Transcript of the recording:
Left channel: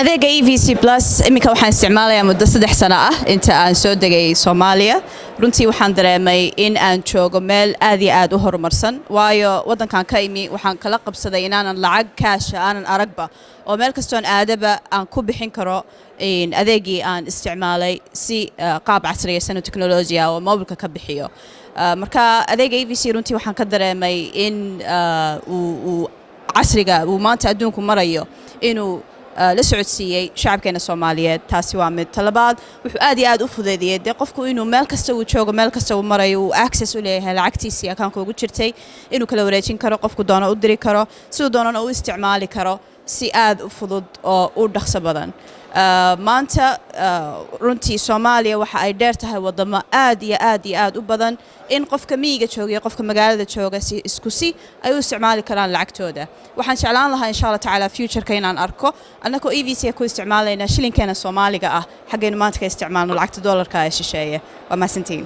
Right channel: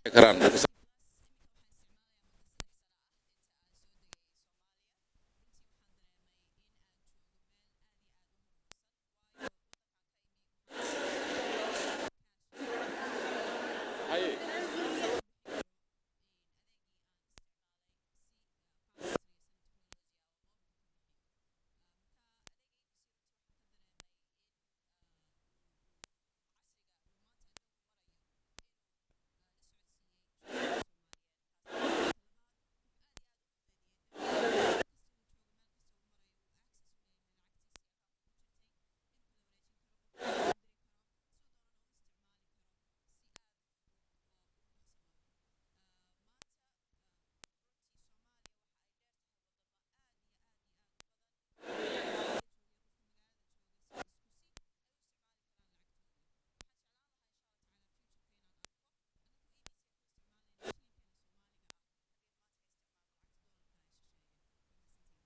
adeega EVC Plus iminka waxaan isticmaalayaa muddo 3 sano ah inta aan soo degay Soomaaliya runtii waxaan dareemay in aan joogo meel aad iyo aad u horumarsan waayo wadankan ka imi waxaan kala qabsaday inaanan lacag cash aanan aragba oo meel kastoon aadaba aan ku bixin karo adeegii aan isticmaalay si qaab casriyaysan oo teknolojiya oo mobilka ka bixiyo marka adeega EVC runtii waxaan ka dareemay in uu casriga uu maanta adduunku marayo inuu la socodsiiyay shacabkeena Soomaaliyeed taasi waa mid talabaad wuxuu aad iyo aad u fududeeyay qofku inuu meel kasta uu joogo meel kasta uu marayo uu access u leeyahay lacagtiisa account ugu jirtay inuu kala wareejin karo qofku doono u diri karo sidoo doonana uu isticmaali karo si aad u fudud oo u dhaqso badan maanta runtii Soomaaliya waxa ay dheer tahay wadamo aad iyo aad u badan in qofka miyiga jooga iyo qofka magaalada jooga si isku si ay u isticmaali karaan lacagtooda waxaan jeclaan lahaa insha Allah taala future-ka inaan arko annagoo EVC ku isticmaalayna shilinkeena Soomaaliga ah xageena maanta ka isticmaalno lacagta dollarka ee shisheeye waa maasantiin